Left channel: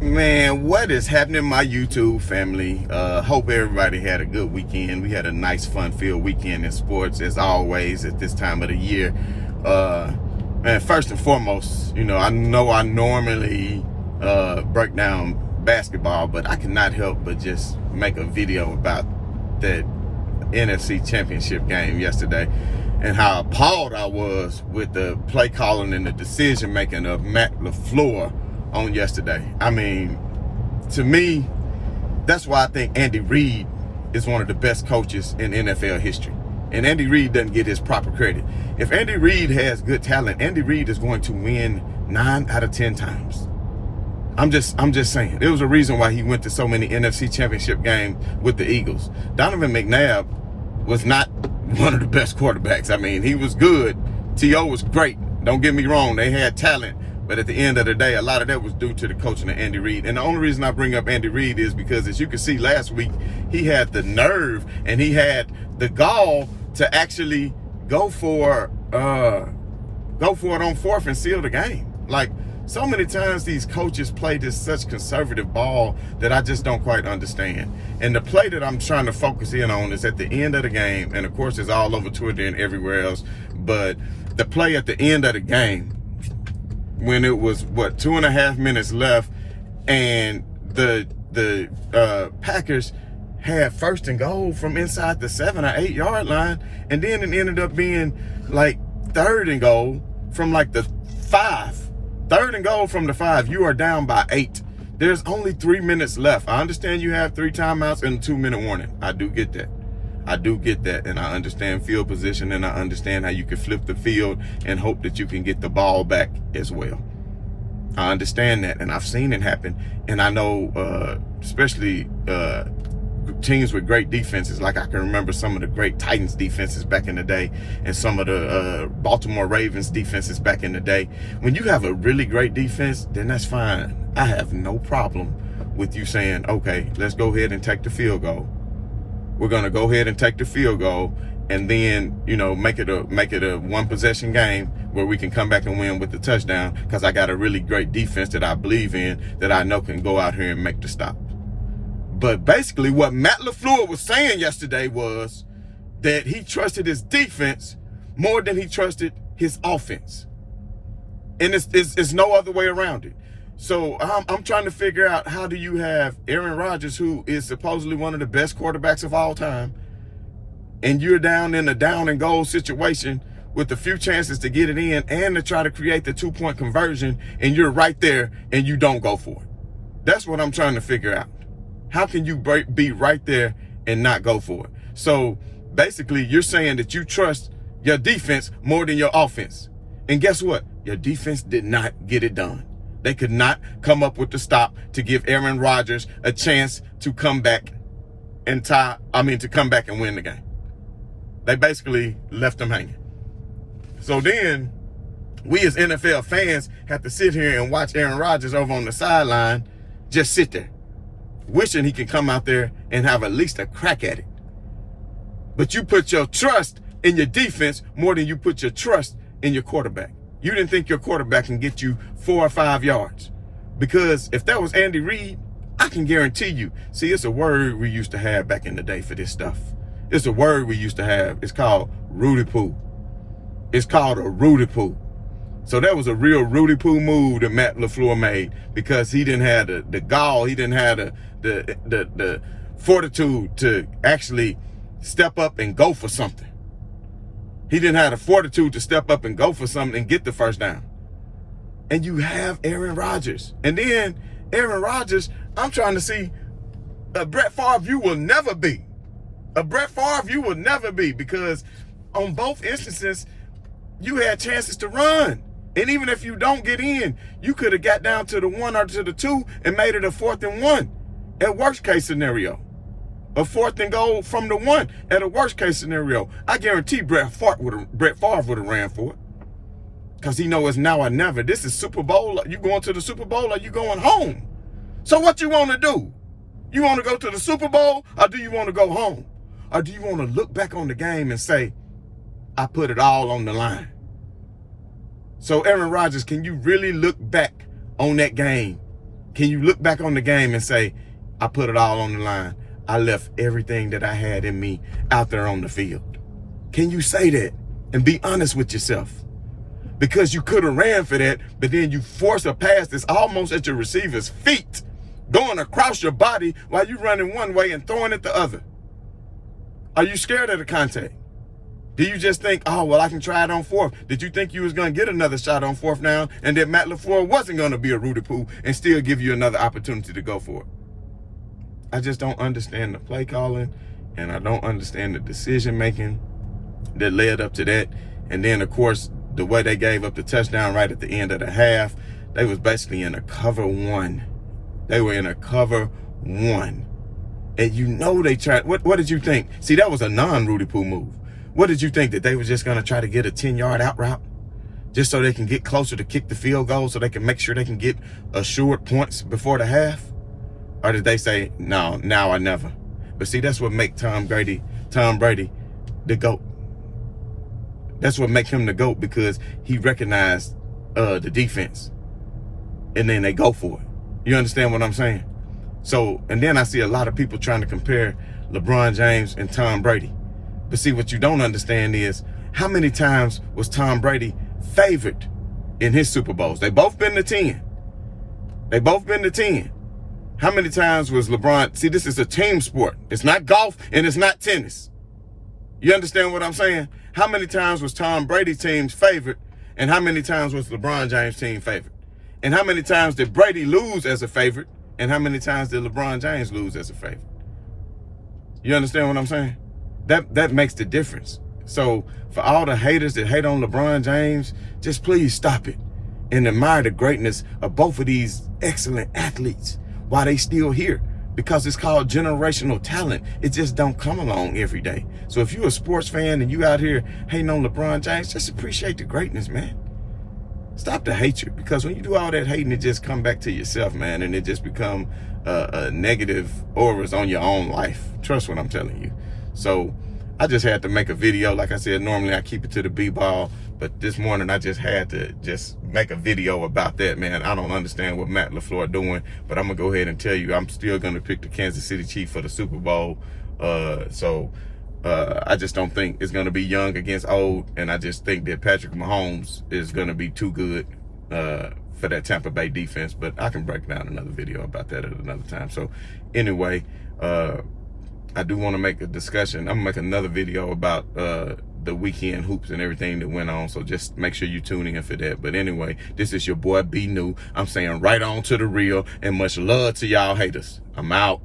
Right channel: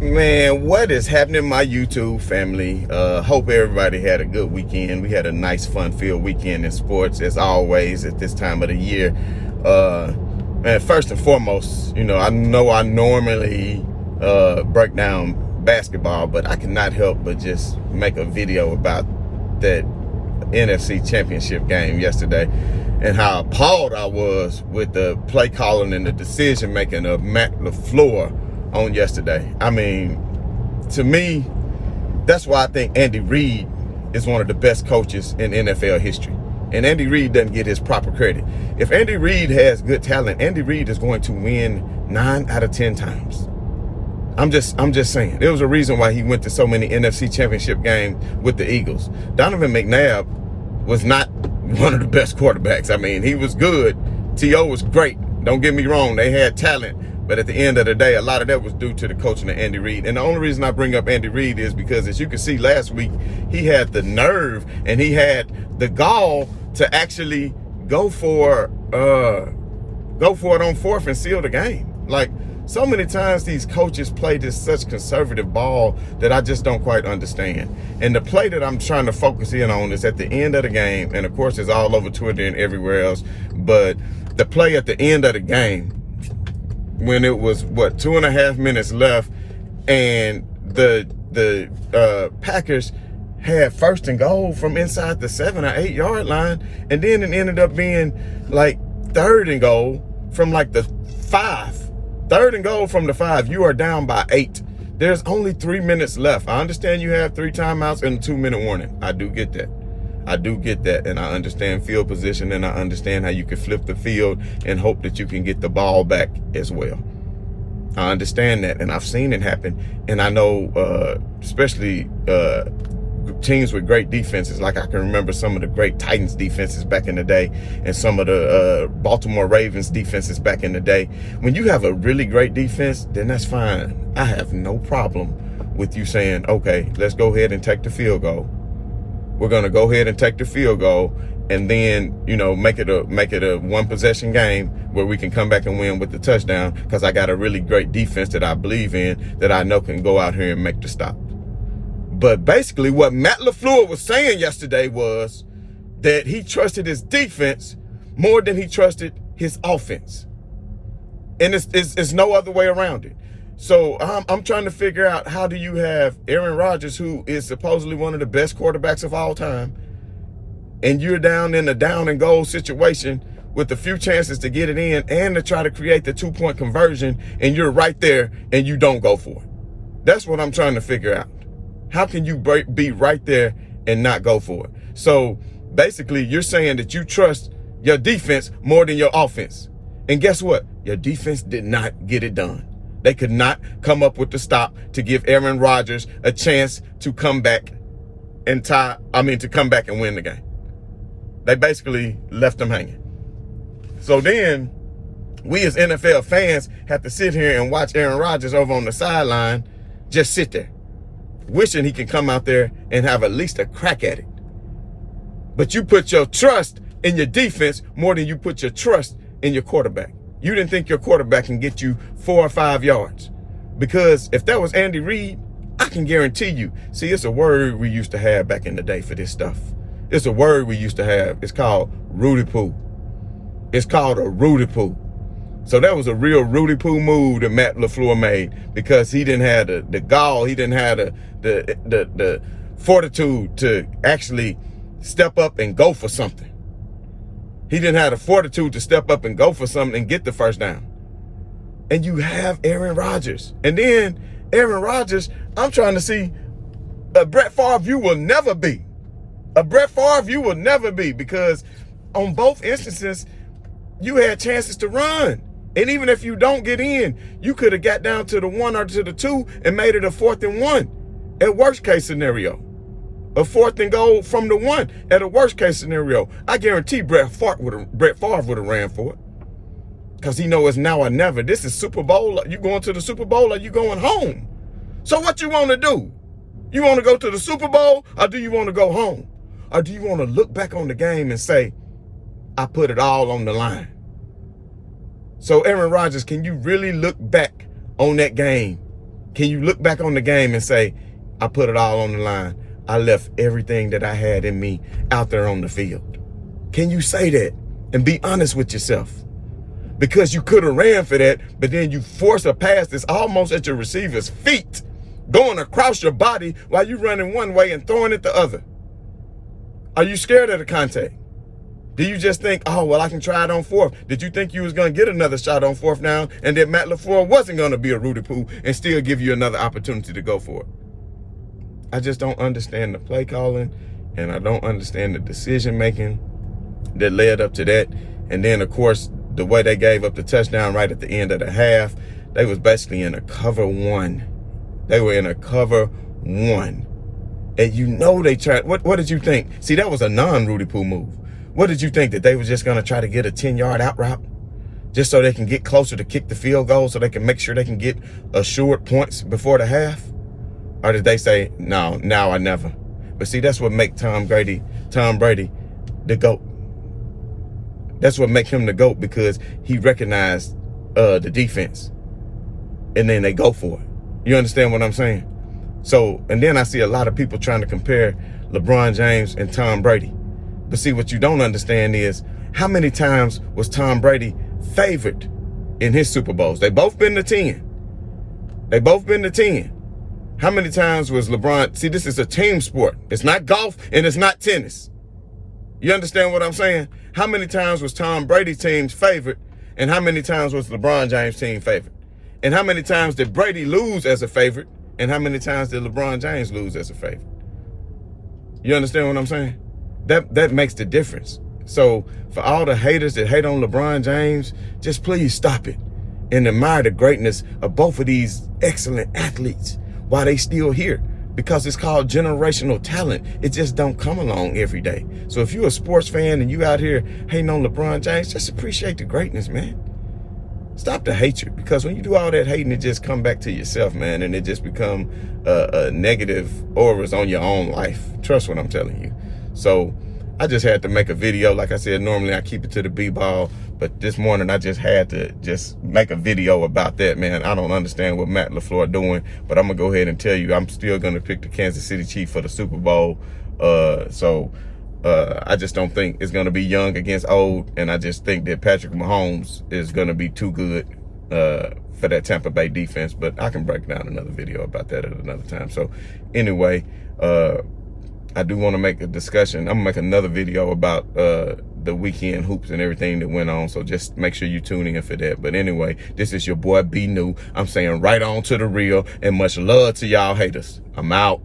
Man, what is happening, my YouTube family? Hope everybody had a good weekend. We had a nice, fun-filled weekend in sports, as always, at this time of the year. Man, first and foremost, I know I normally break down basketball, but I cannot help but just make a video about that NFC Championship game yesterday and how appalled I was with the play calling and the decision-making of Matt LaFleur on yesterday. I mean, to me, that's why I think Andy Reid is one of the best coaches in NFL history. And Andy Reid doesn't get his proper credit. If Andy Reid has good talent, Andy Reid is going to win 9 out of 10 times. I'm just saying. There was a reason why he went to so many NFC Championship games with the Eagles. Donovan McNabb was not one of the best quarterbacks. I mean, he was good. T.O. was great. Don't get me wrong. They had talent. But at the end of the day, a lot of that was due to the coaching of Andy Reid. And the only reason I bring up Andy Reid is because, as you can see last week, he had the nerve and he had the gall to actually go for it on fourth and seal the game. Like, so many times these coaches play this such conservative ball that I just don't quite understand. And the play that I'm trying to focus in on is at the end of the game. And of course, it's all over Twitter and everywhere else. But the play at the end of the game, when it was 2.5 minutes left, and the Packers had first and goal from inside the 7 or 8 yard line, and then it ended up being like third and goal from like the 5. Third and goal from the 5. You are down by 8. There's only 3 minutes left. I understand you have 3 timeouts and a 2-minute warning. I do get that. And I understand field position, and I understand how you can flip the field and hope that you can get the ball back as well. I understand that, and I've seen it happen. And I know, especially teams with great defenses, like I can remember some of the great Titans defenses back in the day and some of the Baltimore Ravens defenses back in the day. When you have a really great defense, then that's fine. I have no problem with you saying, okay, let's go ahead and take the field goal. We're going to go ahead and take the field goal and then, make it a one possession game where we can come back and win with the touchdown, because I got a really great defense that I believe in, that I know can go out here and make the stop. But basically what Matt LaFleur was saying yesterday was that he trusted his defense more than he trusted his offense. And it's no other way around it. So I'm trying to figure out, how do you have Aaron Rodgers, who is supposedly one of the best quarterbacks of all time, and you're down in a down and goal situation with a few chances to get it in and to try to create the 2-point conversion, and you're right there and you don't go for it? That's what I'm trying to figure out. How can you be right there and not go for it? So basically, you're saying that you trust your defense more than your offense. And guess what? Your defense did not get it done. They could not come up with the stop to give Aaron Rodgers a chance to come back and to come back and win the game. They basically left him hanging. So then we as NFL fans have to sit here and watch Aaron Rodgers over on the sideline just sit there, wishing he can come out there and have at least a crack at it. But you put your trust in your defense more than you put your trust in your quarterback. You didn't think your quarterback can get you 4 or 5 yards. Because if that was Andy Reid, I can guarantee you. See, it's a word we used to have back in the day for this stuff. It's a word we used to have. It's called Rudy Poo. It's called a Rudy Poo. So that was a real Rudy Poo move that Matt LaFleur made, because he didn't have the gall, he didn't have the fortitude to actually step up and go for something. He didn't have the fortitude to step up and go for something and get the first down. And you have Aaron Rodgers. And then Aaron Rodgers, I'm trying to see, a Brett Favre you will never be. A Brett Favre you will never be, because on both instances, you had chances to run. And even if you don't get in, you could have got down to the 1 or to the 2 and made it a 4th and 1 at worst case scenario. A 4th and goal from the 1 at a worst case scenario. I guarantee Brett Favre would have ran for it. Because he knows it's now or never. This is Super Bowl. You going to the Super Bowl or you going home? So what you want to do? You want to go to the Super Bowl, or do you want to go home? Or do you want to look back on the game and say, I put it all on the line? So Aaron Rodgers, can you really look back on that game Can you look back on the game and say, I put it all on the line. I left everything that I had in me out there on the field? Can you say that and be honest with yourself? Because you could have ran for that, but then you force a pass that's almost at your receiver's feet, going across your body while you're running one way and throwing it the other. Are you scared of the contact? Do you just think, oh, well, I can try it on fourth? Did you think you was going to get another shot on fourth down and that Matt LaFleur wasn't going to be a Rudy Poo and still give you another opportunity to go for it? I just don't understand the play calling, and I don't understand the decision making that led up to that. And then, of course, the way they gave up the touchdown right at the end of the half, they was basically in a cover one. They were in a cover one. And you know they tried. What did you think? See, that was a non-Rudy Poo move. What did you think? That they were just going to try to get a 10-yard out route? Just so they can get closer to kick the field goal so they can make sure they can get assured points before the half? Or did they say, no, now or never? But see, that's what make Tom Brady the GOAT. That's what make him the GOAT, because he recognized the defense. And then they go for it. You understand what I'm saying? So, and then I see a lot of people trying to compare LeBron James and Tom Brady. But see, what you don't understand is, how many times was Tom Brady favored in his Super Bowls? They both been to 10. They both been to 10. How many times was LeBron? See, this is a team sport. It's not golf and it's not tennis. You understand what I'm saying? How many times was Tom Brady's team favored, and how many times was LeBron James' team favored? And how many times did Brady lose as a favorite, and how many times did LeBron James lose as a favorite? You understand what I'm saying? That makes the difference. So for all the haters that hate on LeBron James, just please stop it and admire the greatness of both of these excellent athletes while they still here, because it's called generational talent. It just don't come along every day. So if you're a sports fan and you out here hating on LeBron James, just appreciate the greatness, man. Stop the hatred, because when you do all that hating, it just come back to yourself, man, and it just become a negative auras on your own life. Trust what I'm telling you. So I just had to make a video. Like I said, normally I keep it to the B-ball, but this morning I just had to just make a video about that, man. I don't understand what Matt LaFleur doing, but I'm going to go ahead and tell you, I'm still going to pick the Kansas City Chiefs for the Super Bowl. I just don't think it's going to be young against old, and I just think that Patrick Mahomes is going to be too good for that Tampa Bay defense. But I can break down another video about that at another time. So anyway, I do want to make a discussion. I'm going to make another video about the weekend hoops and everything that went on. So just make sure you tune in for that. But anyway, this is your boy B New. I'm saying right on to the real, and much love to y'all haters. I'm out.